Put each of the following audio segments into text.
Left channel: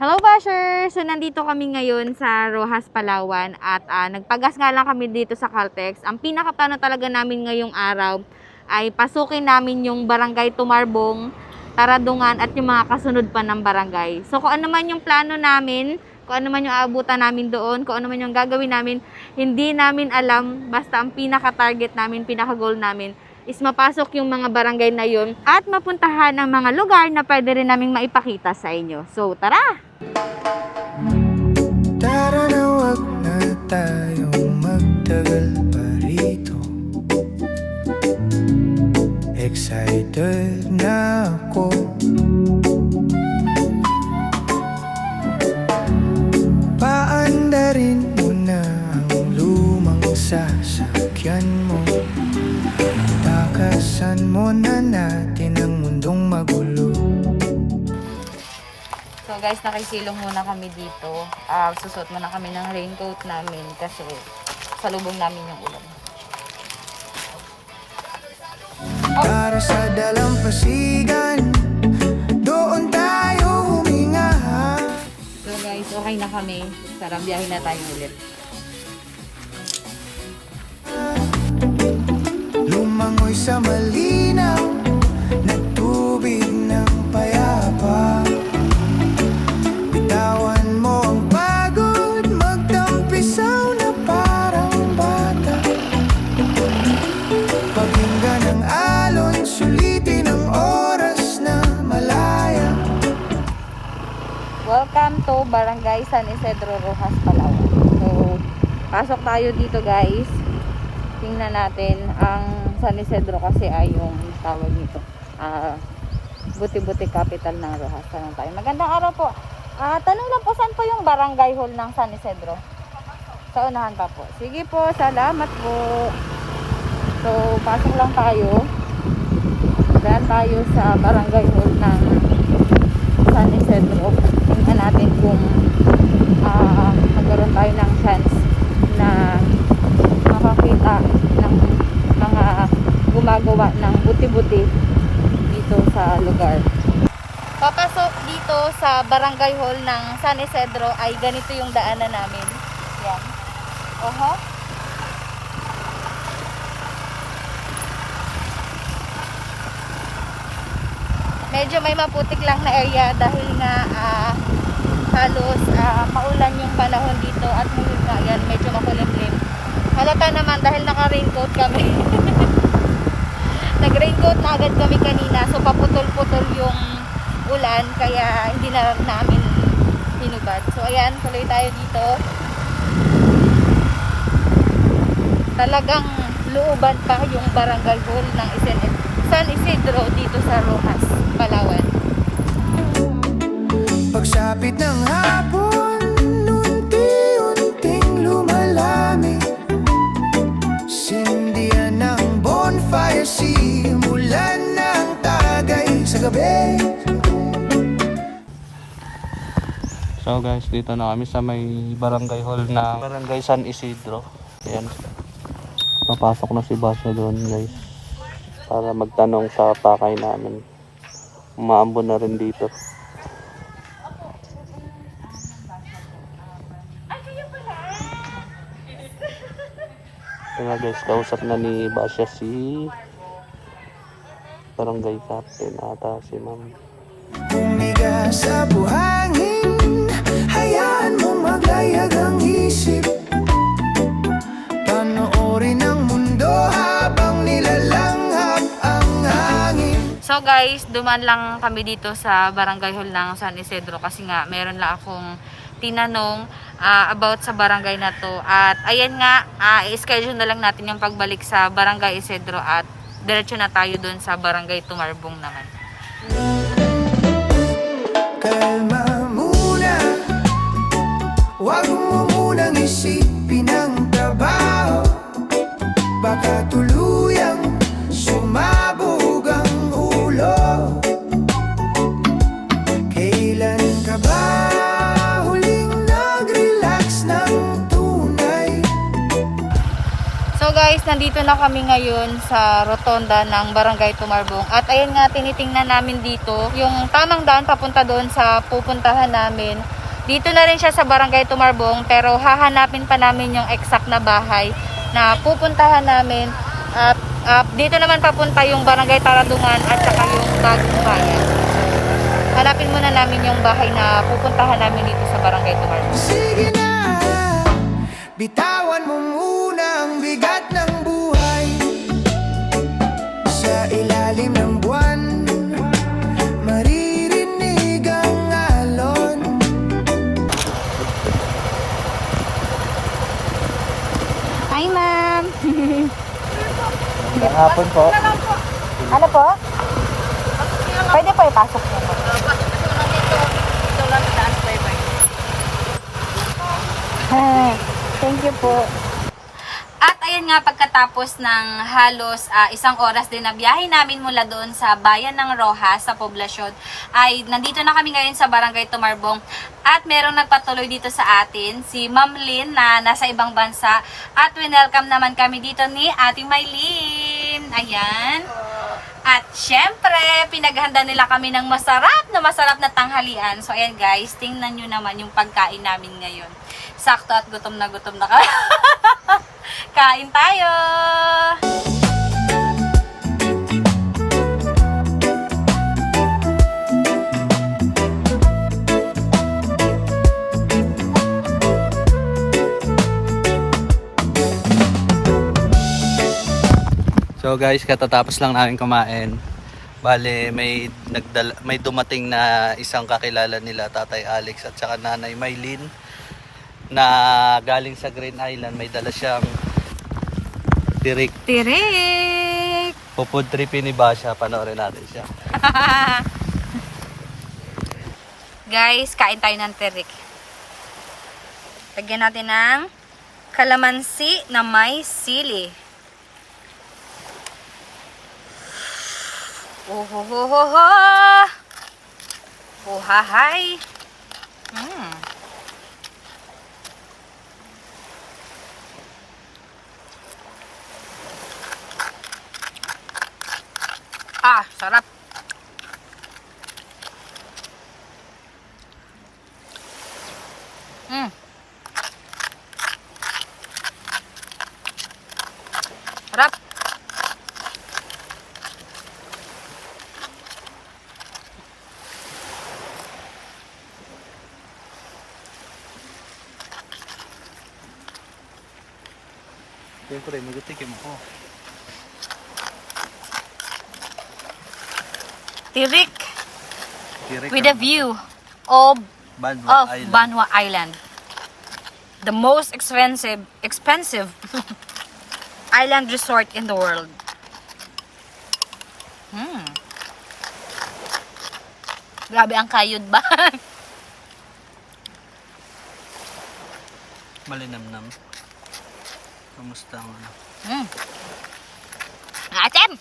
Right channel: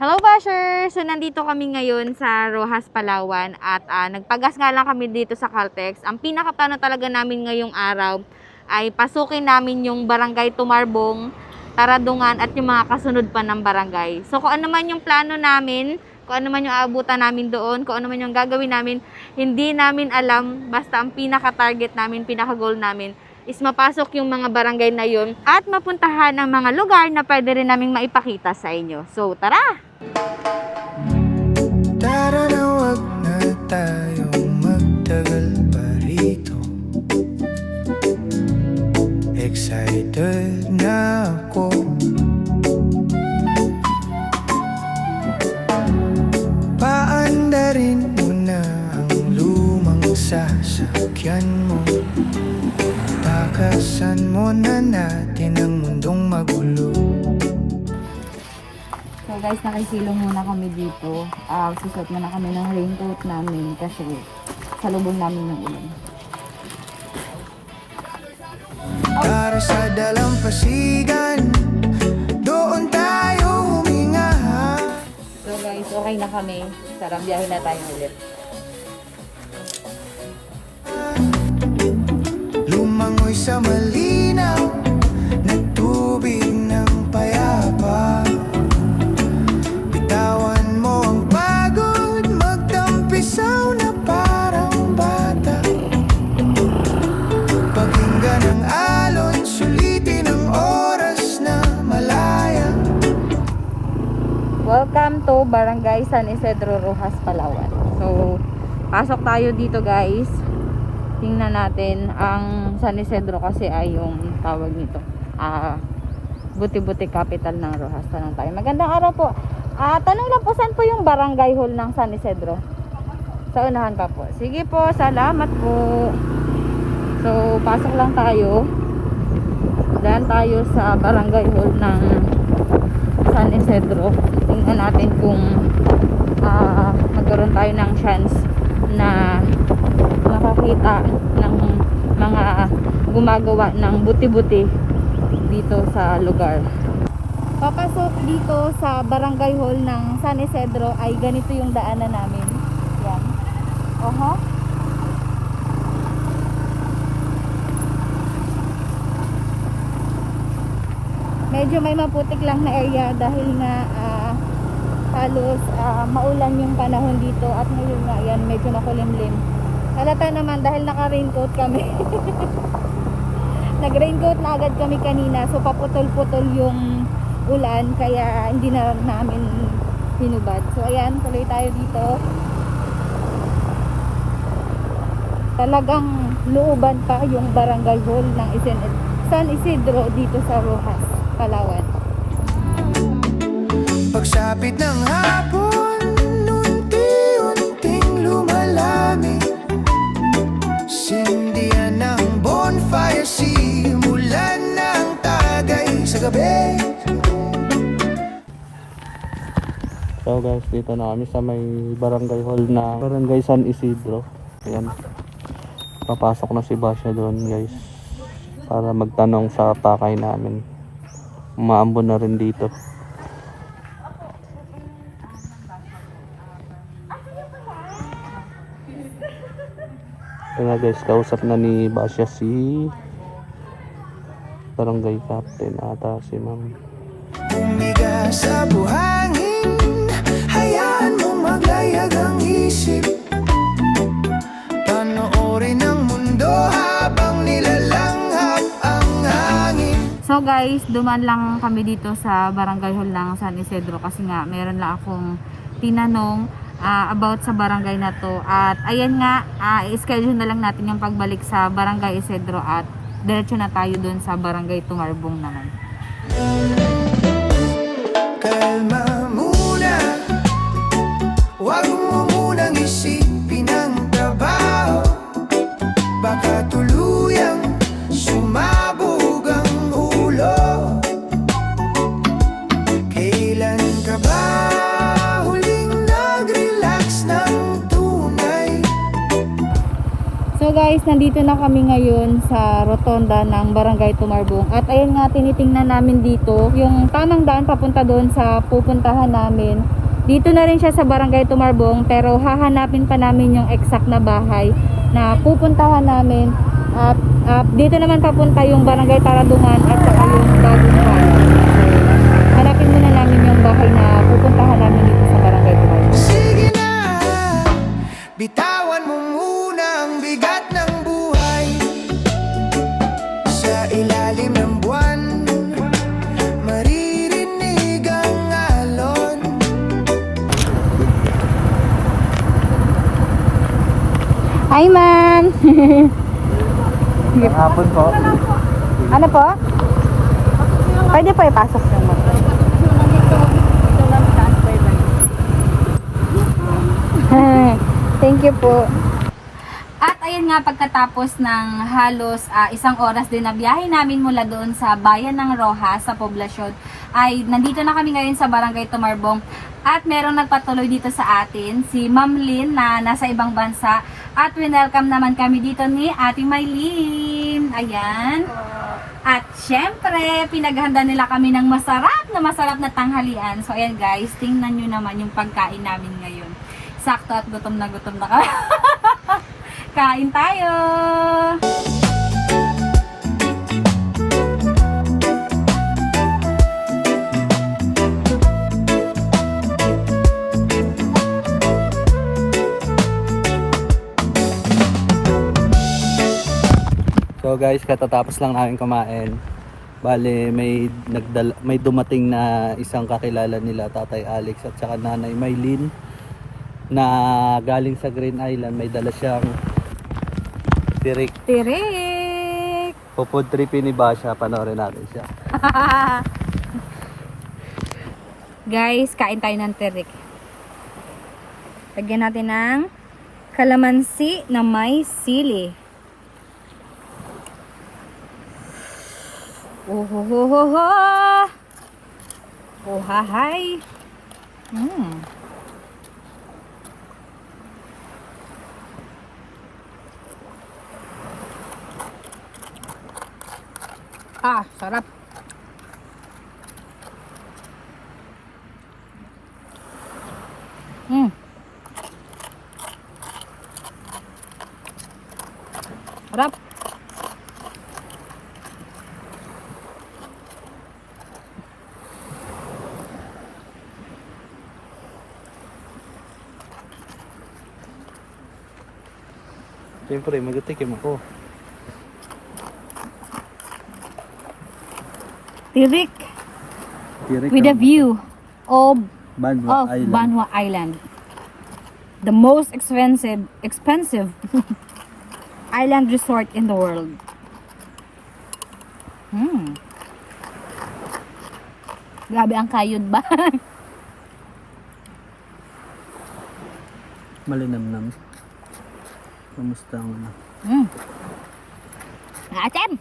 Hello bashers! So nandito kami ngayon sa Roxas, Palawan at nagpagas nga lang kami dito sa Caltex. Ang pinakaplano talaga namin ngayong araw ay pasukin namin yung barangay Tumarbong, Taradungan at yung mga kasunod pa ng barangay. So kung ano man yung plano namin, kung ano man yung aabutan namin doon, kung ano man yung gagawin namin, hindi namin alam. Basta ang pinaka-target namin, pinaka-goal namin is mapasok yung mga barangay na yun at mapuntahan ang mga lugar na pwede rin naming maipakita sa inyo. So tara! Tara na, wag na tayong magtagal pa rito. Excited na ako. Paandarin mo na ang lumang sasakyan mo. Takasan mo na natin ang mundong magulo. So guys, nakisilong muna kami dito. Susot muna kami ng raincoat namin kasi salubong namin yung ulan. Para sa dalampasigan, doon tayo huminga. So guys, okay na kami. Tara, biyahe na tayo ulit. Lumangoy sa malinaw na tubig ng payapa. Bitawan mo ang pagod, magtampisaw na parang bata. Pakinggan ang alon, sulitin ang oras na malaya. Welcome to Barangay San Isidro, Roxas, Palawan. So, pasok tayo dito guys. Tingnan natin ang San Isidro kasi ay yung tawag nito. Buti-buti capital ng Roxas. Tanong tayo. Magandang araw po. Tanong lang po, saan po yung barangay hall ng San Isidro? Sa unahan pa po. Sige po, salamat po. So, pasok lang tayo. Dahil tayo sa barangay hall ng San Isidro. Tingnan natin kung magkaroon tayo ng chance na makakita ng mga gumagawa ng buti-buti dito sa lugar. Papasok dito sa barangay hall ng San Isidro ay ganito yung daanan namin. Yan. Oho. Medyo may maputik lang na area dahil nga halos maulan yung panahon dito at ngayon nga yan medyo makulimlim. Halata naman dahil naka-raincoat kami. Nag-raincoat na agad kami kanina, so paputol-putol yung ulan kaya hindi na namin hinubad. So ayan, tuloy tayo dito. Talagang looban pa yung barangay hall ng San Isidro dito sa Roxas, Palawan. Pagsapit ng hapon, unti-unting lumalami. Sindihan ng bonfire, simulan ng tagay sa gabi. So guys, dito na kami sa may barangay hall na Barangay San Isidro. Ayan. Papasok na si Basya doon guys para magtanong sa pakay namin. Umaambon na rin dito. Kaya guys, kausap na ni Basya si barangay captain ata si Ma'am. Umiga sa buhangin, hayaan mo maglayag ang isip. Panoorin ang mundo habang nilalanghap ang hangin. So guys, duman lang kami dito sa barangay hall ng San Isidro kasi nga meron lang akong tinanong about sa barangay na to. At ayan nga, i-schedule na lang natin yung pagbalik sa barangay Isidro at diretso na tayo dun sa barangay Tumarbong naman. Kalma muna, huwag mo munang isipin ang trabaho. Baka tuluyang sumabog ang ulo. Kailan ka ba huling nag-relax ng tunay? So guys, nandito na kami ngayon sa rotonda ng Barangay Tumarbong. At ayun nga, tinitingnan namin dito yung tamang daan papunta doon sa pupuntahan namin. Dito na rin siya sa Barangay Tumarbong, pero hahanapin pa namin yung exact na bahay na pupuntahan namin. At dito naman papunta yung Barangay Taradungan at saka yung Bagong Bayan. So, hanapin muna namin yung bahay na pupuntahan namin dito sa Barangay Tumarbong. Sige na, bitawan mo muna ang bigat ng buhay. Sa ilalim ng buwan, maririnig ang alon. Hi, ma'am! Hapon po. Ano po? Pwede po ipasok mo, ma'am. Pasok kasi lang dito. Dito lang sa taas, bye-bye. Thank you po. At ayun nga, pagkatapos ng halos isang oras din na biyahe namin mula doon sa bayan ng Rojas sa poblasyon, ay nandito na kami ngayon sa Barangay Tumarbong. At merong nagpatuloy dito sa atin, si Ma'am Lynn na nasa ibang bansa. At winelcome naman kami dito ni Ating Maylin. Ayan. At syempre, pinaghanda nila kami ng masarap na tanghalian. So ayan guys, tingnan nyo naman yung pagkain namin ngayon. Sakto at gutom na kami. Kain tayo! So guys, katatapos lang namin kumain. Bale, may dumating na isang kakilala nila, Tatay Alex at saka Nanay Maylin, na galing sa Green Island. May dala siyang tirik. Tirik! Pupud tripin ni Basha, panoorin natin siya. Guys, kain tayo ng tirik. Lagyan natin ng kalamansi na may sili. Ohohoho! Ohahay! Sarap! Sarap! Siyempre, magutikim ako. Tirik Tirik with a view of Banwa Island. Banwa Island. The most expensive island resort in the world. Grabe ang kayod ba? Malinamnam. Kamusta ang ano? Atem!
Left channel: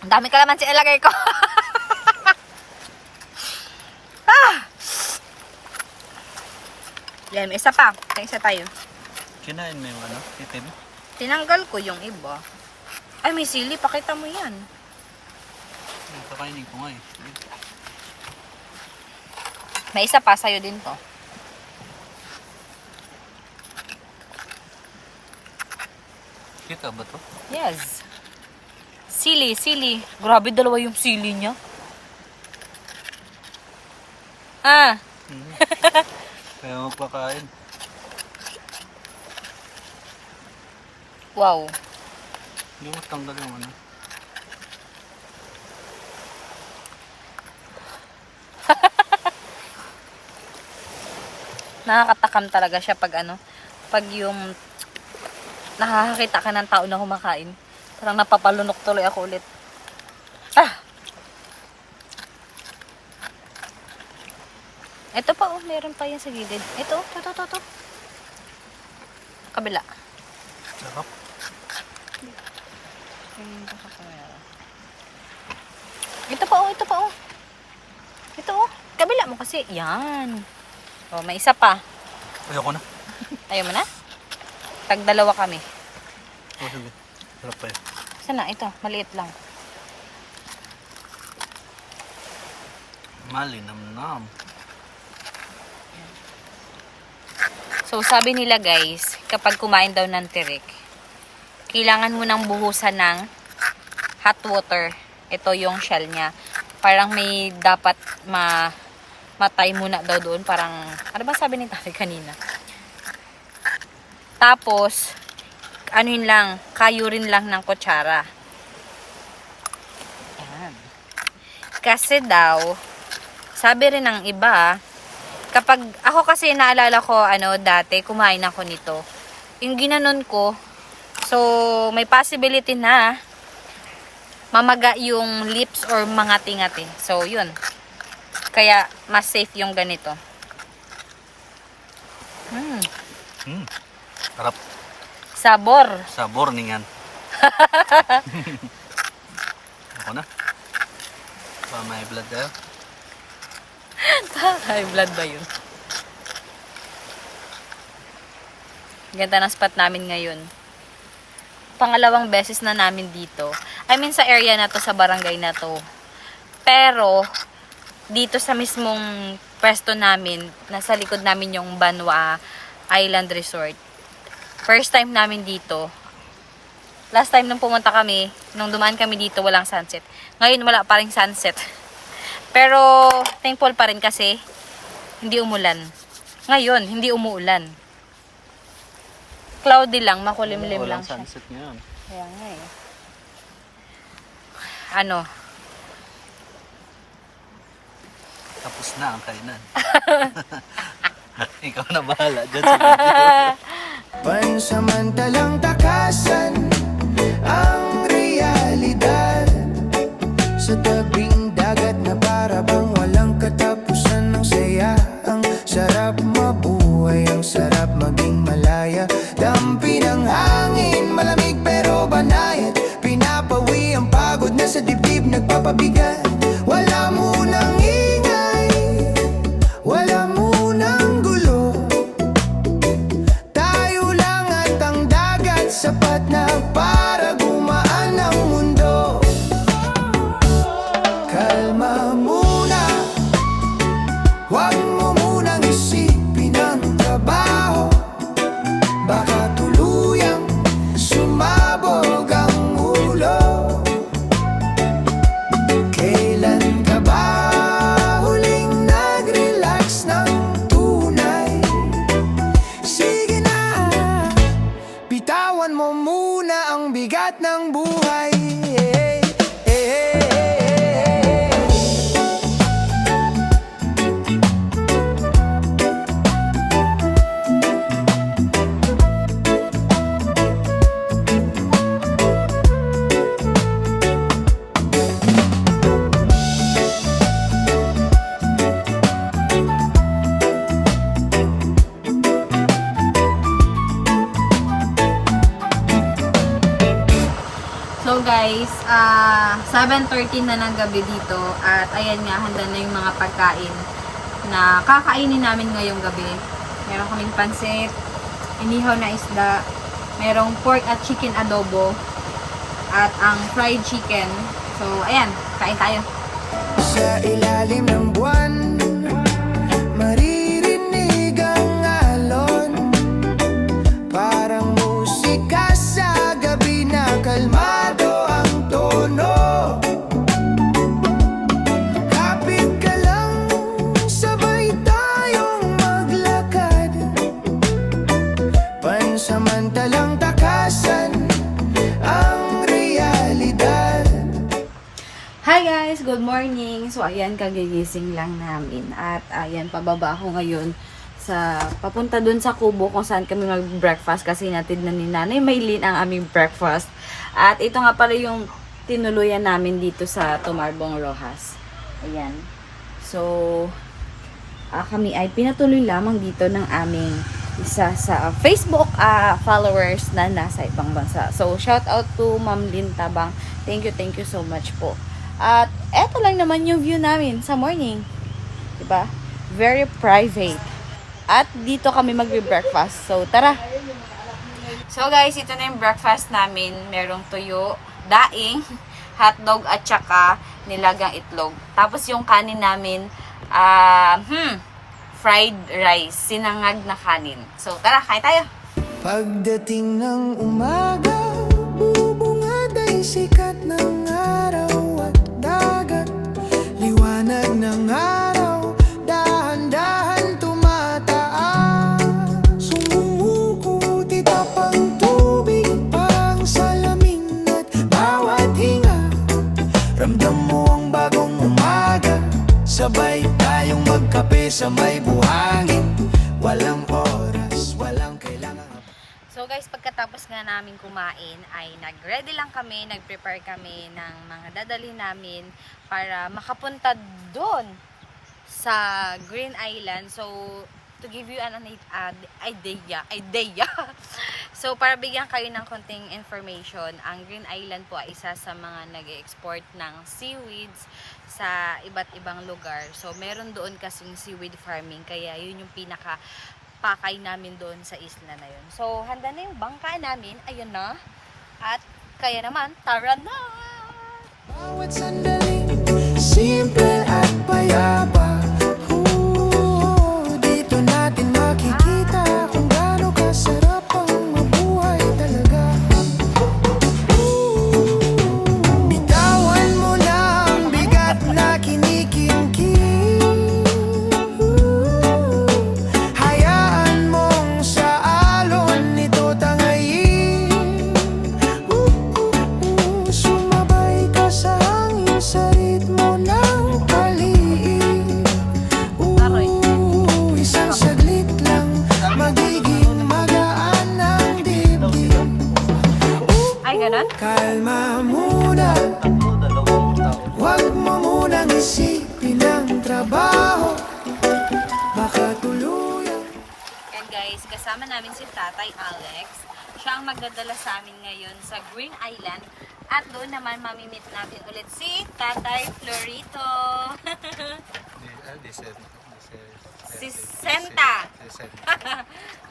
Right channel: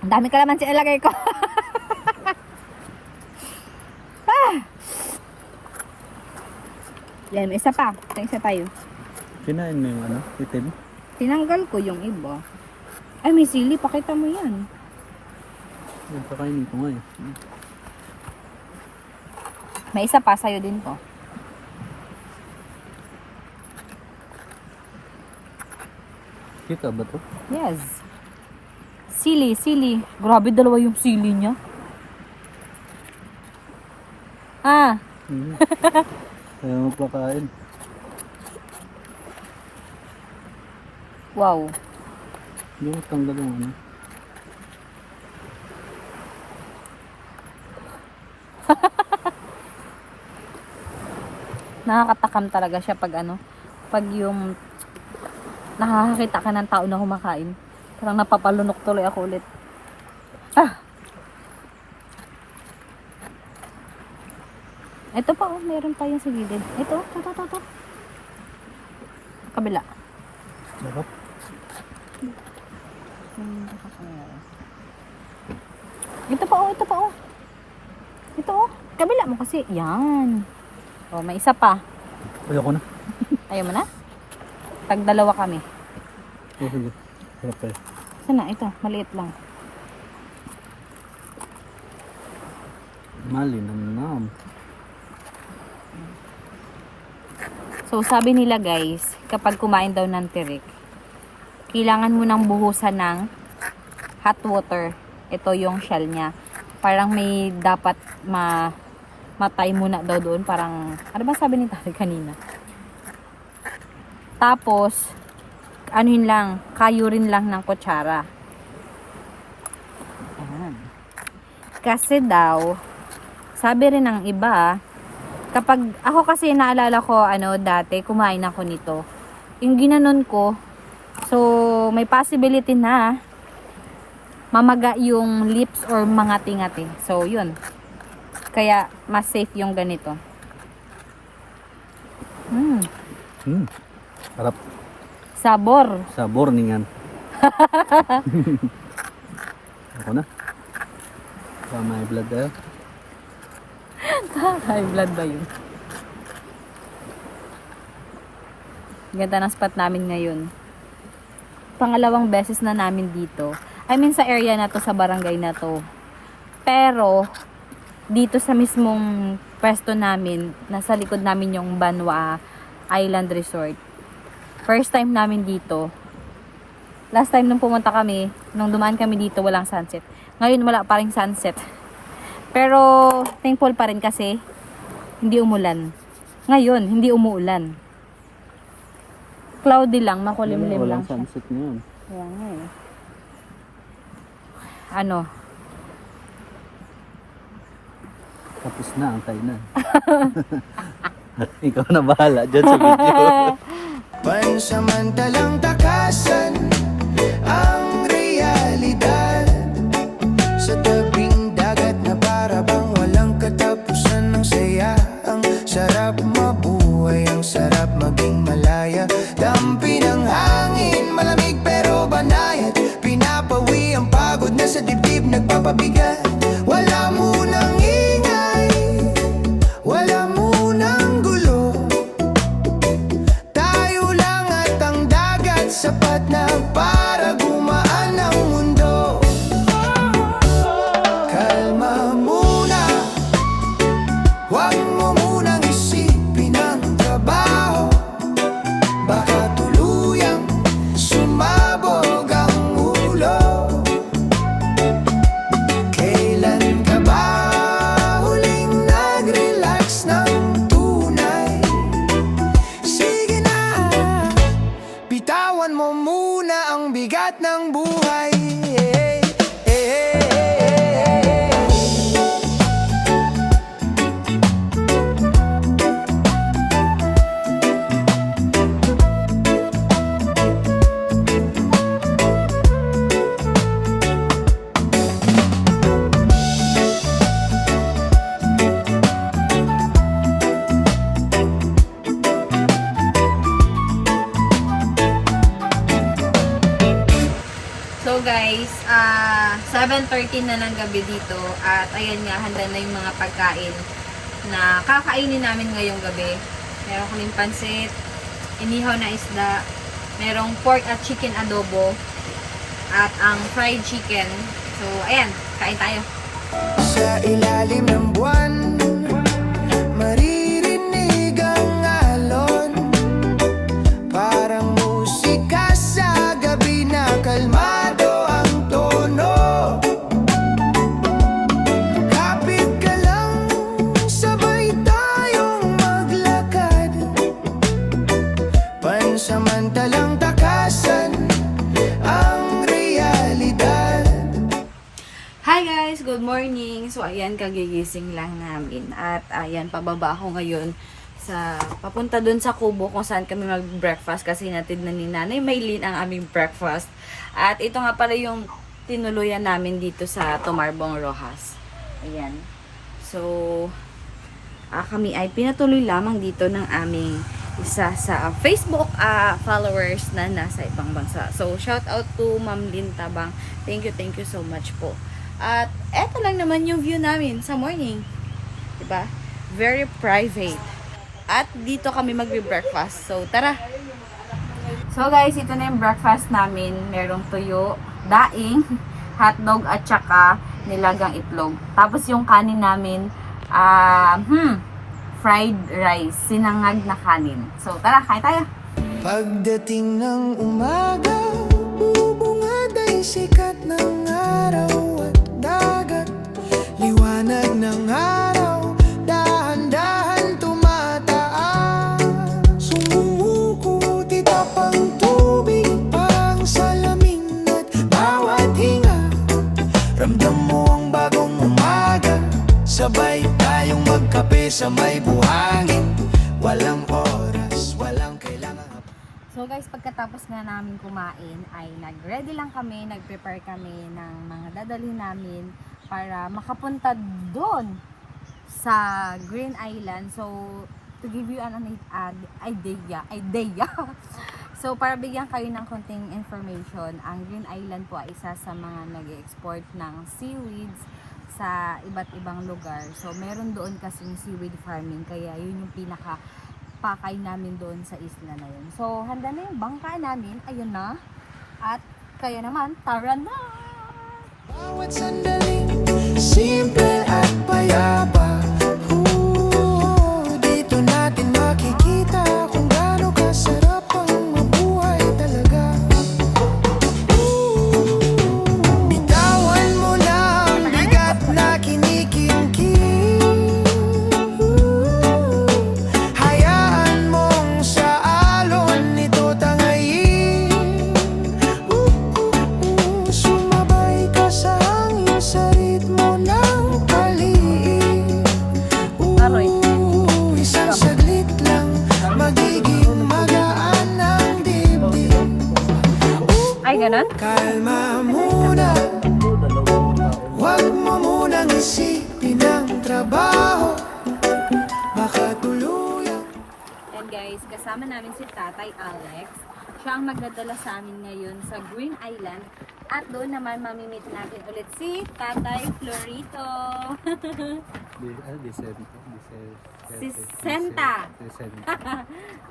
Ang dami kalamansi ilagay ko. Yan, isa pa. Isa tayo. Kinain mo yung ano? Itim? Tinanggal ko yung iba. Ay, may sili. Pakita mo yan. Yung kakainin ko nga eh. May isa pa. Sa'yo din to. Kita ba to? Yes. Sili. Grabe, dalawa yung sili niya. Kaya magpakain. Wow. Hindi mo tanggal yung ano. Nakakatakam talaga siya pag pag yung nakakakita ka ng tao na kumakain. Parang napapalunok tuloy ako ulit. Ito pa, meron pa yan sa gilid. Ito. Kabila. Sarap. Ito pa. Ito, kabila mo kasi. Yan. May isa pa. Ayoko na. Ayaw mo na? Tag dalawa kami. Oh, sige. Sarap pa yun. Sana, ito, maliit lang. Malinamnam. So, sabi nila guys, kapag kumain daw ng tirik, kailangan mo nang buhusan ng hot water. Ito yung shell niya. Parang may dapat matay muna daw doon. Parang, ano ba sabi ni tatay kanina? Tapos, ano yun lang, kayurin lang ng kutsara. Ayan. Kasi daw, sabi rin ng iba, kapag, ako kasi naalala ko, dati, kumain ako nito. Yung ginanon ko, so, may possibility na, mamaga yung lips or mangati-ngati. So, yun. Kaya, mas safe yung ganito. Sarap. Sabor. Sabor ningan. Ako na. Pa may blood tayo. High blood ba yun? Ganda ng spot namin ngayon. Pangalawang beses na namin dito. I mean sa area na to, sa barangay na to. Pero, dito sa mismong pwesto namin, nasa likod namin yung Banwa Island Resort. First time namin dito. Last time nung pumunta kami, nung dumaan kami dito, walang sunset. Ngayon wala pa ring sunset. Pero thankful pa rin kasi hindi umulan. Ngayon, hindi umuulan. Cloudy lang, makulimlim lang Walang siya. sunset ngayon. Kaya nga eh. Ano? Tapos na ang kainan. Ikaw na bahala dyan sa video. Pansamantalang takasan ang realidad sa tabing dagat na para bang walang katapusan ng saya. Ang sarap mabuhay, ang sarap maging malaya. Dampi ng hangin, malamig pero banayad. Pinapawi ang pagod na sa dibdib nagpapabigat. Wala munang ingay, wala munang gulo. Tayo lang at ang dagat, sapat na para gumaan ang mundo. Kalma muna, huwag mo munang isipin ang trabaho. Baka tuluyang sumabog ang ulo. Kailan ka ba huling nag-relax ng tunay? Sige na, bitawan mo muna ang bigat ng buhay. So guys, 7:30 na ng gabi dito at ayan nga, handa na yung mga pagkain na kakainin namin ngayong gabi. Meron kaming pansit, inihaw na isda, merong pork at chicken adobo, at ang fried chicken. So ayan, kain tayo. Sa ilalim ng buwan, maririnig ang alon. Parang musika sa gabi na kalmado ang tono. Kapit ka lang, sabay tayong maglakad. Pansamantalang takasan ang realidad. Hi guys! Good morning! So ayan, kagigising lang namin. At ayan, pababa ako ngayon sa papunta dun sa Kubo kung saan kami mag-breakfast kasi natid na ni Nanay Maylin ang aming breakfast. At ito nga pala yung tinuluyan namin dito sa Tumarbong Rojas. Ayan. So, kami ay pinatuloy lamang dito ng aming isa sa Facebook followers na nasa ibang bansa. So, shout out to Ma'am Lynn Tabang. Thank you so much po. At eto lang naman yung view namin sa morning. Diba? Very private. At dito kami magbe-breakfast. So, tara! So guys, ito na yung breakfast namin. Merong tuyo, daing, hotdog at saka nilagang itlog. Tapos yung kanin namin, fried rice, sinangag na kanin. So tara, kain tayo. Pagdating ng umaga, bubungad ay sikat ng araw at dagat. Liwanag ng araw, dahan-dahan tumataas. Sumumukuti tapang tubig, parang salamin at bawat hinga. Ramdam mo ang bagong umaga, sabay tayong magkape sa may buhangin. Walang oras, walang kailangan. So guys, pagkatapos nga namin kumain ay nag-ready lang kami, nag-prepare kami ng mga dadalhin namin para makapunta doon sa Green Island. So to give you an idea. So para bigyan kayo ng konting information, ang Green Island po ay isa sa mga nag-export ng seaweeds sa iba't ibang lugar. So meron doon kasing seaweed farming, kaya yun yung pinaka pakay namin doon sa isla na yun. So, handa na yung bangka namin. Ayun na. At kaya naman, tara na! Bawat sandaling simple at payapa. Dito natin makikita kung gaano kasarap ang mabuhay talaga. Bitawan mo na ang bigat na kinikimkim. Hayaan mong sa alon nito tangayin. Sumabay ka sa hangin sa ritmo ng paliig. Isang saglit lang magiging magaan ang dibdib. Ay, ganun? Kalma muna, huwag mo munang isipin ang trabaho. Baka tuluyang And guys, kasama namin si Tatay Alex. Siya ang magdadala sa amin ngayon sa Green Island. At doon naman mamimit natin ulit si Tatay Florito. Si Senta.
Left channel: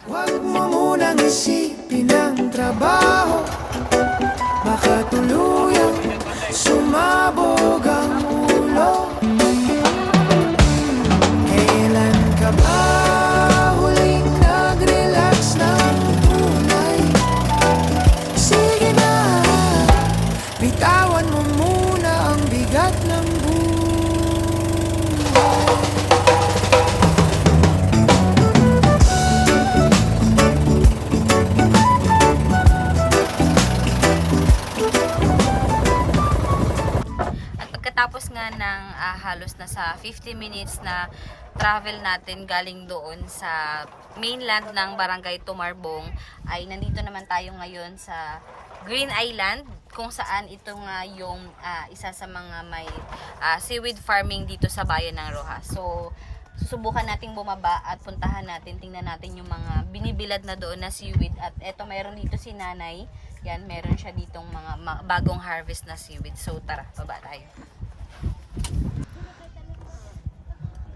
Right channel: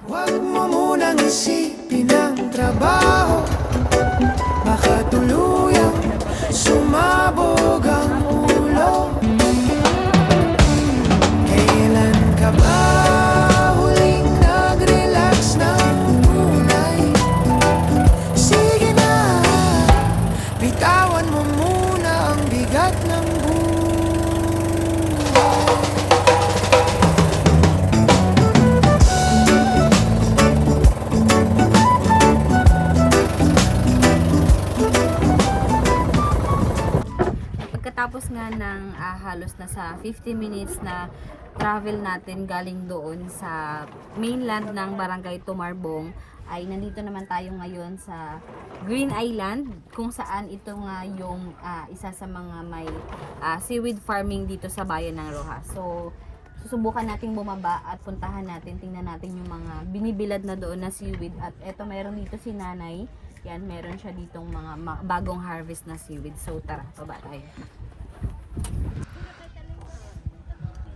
huwag mo munang isipin ang trabaho. Baka tuluyang sumabog ang ulo. Kailan ka ba huling nag-relax ng tunay? Sige na, bitawan mo muna ang bigat ng buhay. Pagkatapos nga ng halos na sa 50 minutes na travel natin galing doon sa mainland ng Barangay Tumarbong, ay nandito naman tayo ngayon sa Green Island, kung saan ito nga yung isa sa mga may seaweed farming dito sa bayan ng Rojas. So susubukan nating bumaba at puntahan natin, tingnan natin yung mga binibilad na doon na seaweed. At eto, meron dito si Nanay. Yan, meron siya ditong mga bagong harvest na seaweed. So tara, baba tayo.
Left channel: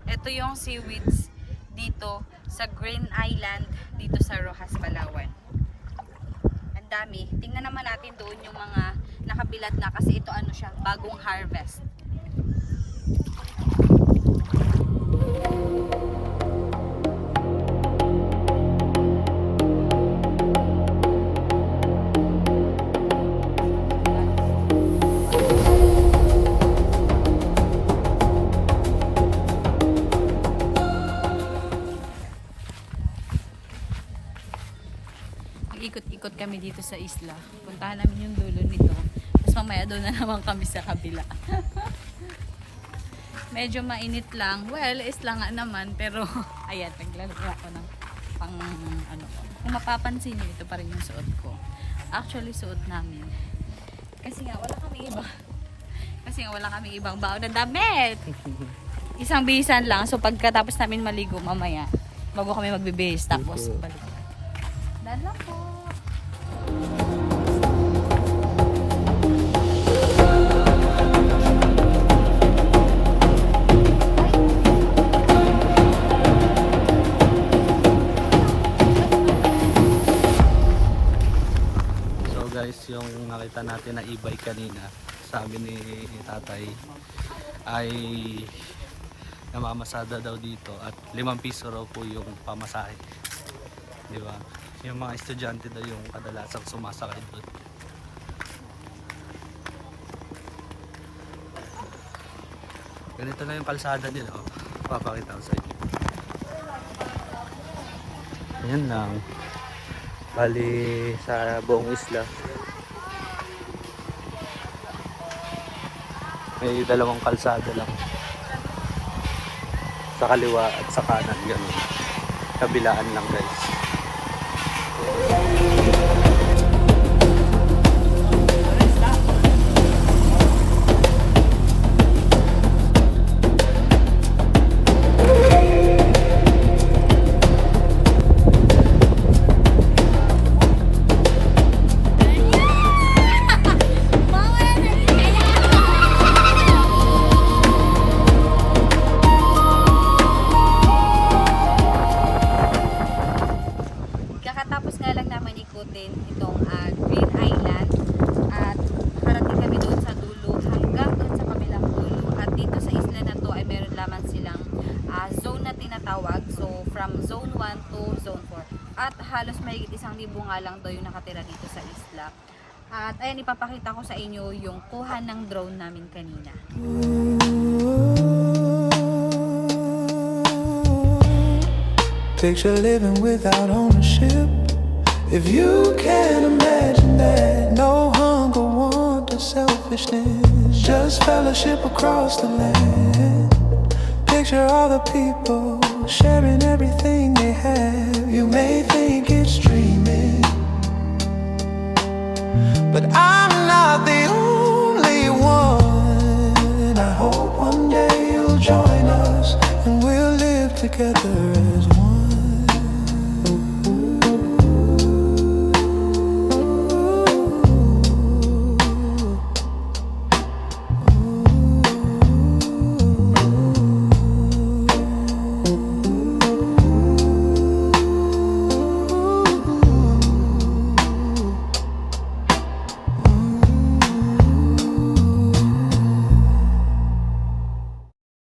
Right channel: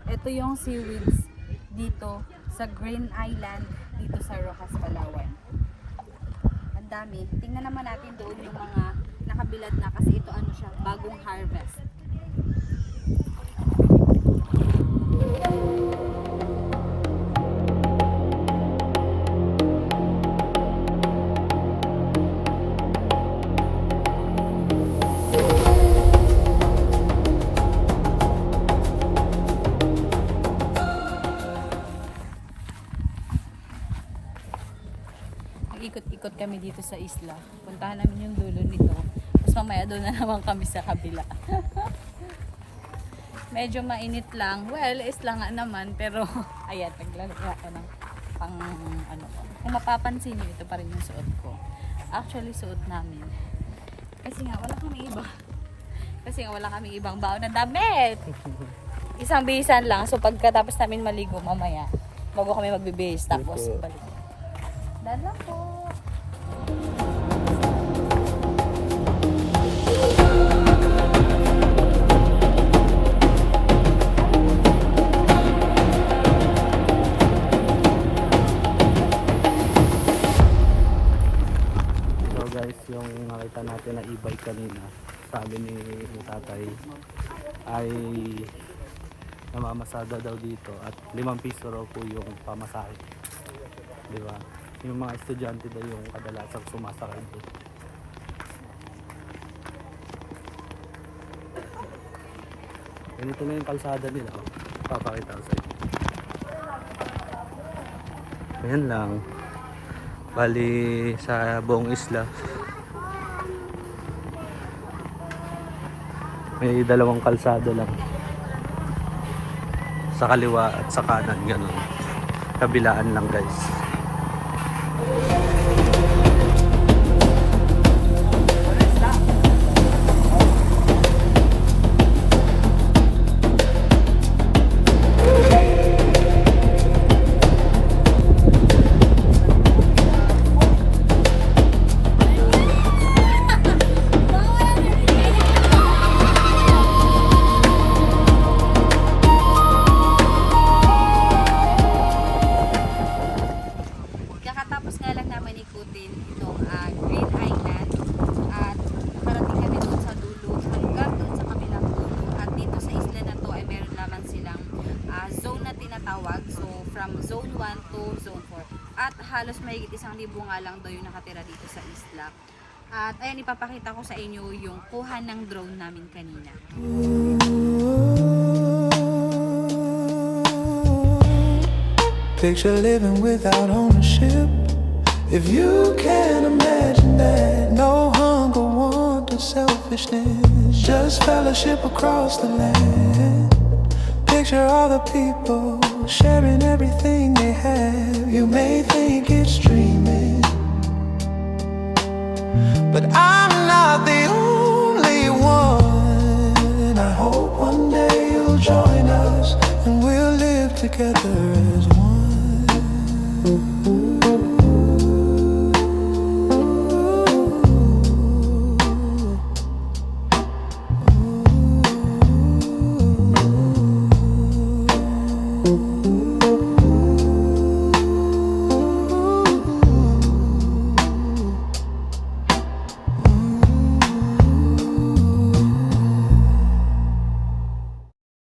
Ito yung seaweeds dito sa Green Island, dito sa Rojas, Palawan. Ang dami. Tingnan naman natin doon yung mga nakabilad na, kasi ito ano siya, bagong harvest. Ikot-ikot kami dito sa isla. Puntahan namin yung dulo nito. Tapos mamaya doon na naman kami sa kabila. Medyo mainit lang. Well, isla nga naman. Pero, ayan, naglalagay ako ng pang, ano. Kung mapapansin nyo, ito pa rin yung suot ko. Actually, suot namin. Kasi nga, wala kami ibang baon na damit. Isang bihisan lang. So, pagkatapos namin maligo mamaya, bago kami magbibihis. Tapos, balik. Dan lang po. natin na e-bike kanina, sabi ni tatay ay namamasada daw dito at 5 piso raw po yung pamasahe, di ba? Yung mga estudyante daw yung kadalasang sumasakay doon. Ganito na yung kalsada nila, oh. Papakita ko sa inyo. Ayan lang, bali sa buong isla may 2 kalsada lang, sa kaliwa at sa kanan, gano'n. Kabilaan lang guys. Kakatapos nga lang naman ikutin itong Green Island at harating kami doon sa dulo hanggang doon sa kabilang dulo, at dito sa isla na to ay meron lamang silang zone na tinatawag, so from zone 1 to zone 4, at halos mahigit 1,000 nga lang daw yung nakatira dito sa isla. At ayan, ipapakita ko sa inyo yung kuha ng drone namin kanina. Picture living without ownership. If you can imagine that, no hunger, want, or selfishness, just fellowship across the land. Picture all the people sharing everything they have. You may think it's dreaming, but I'm not the only one. I hope one day you'll join us and we'll live together as one.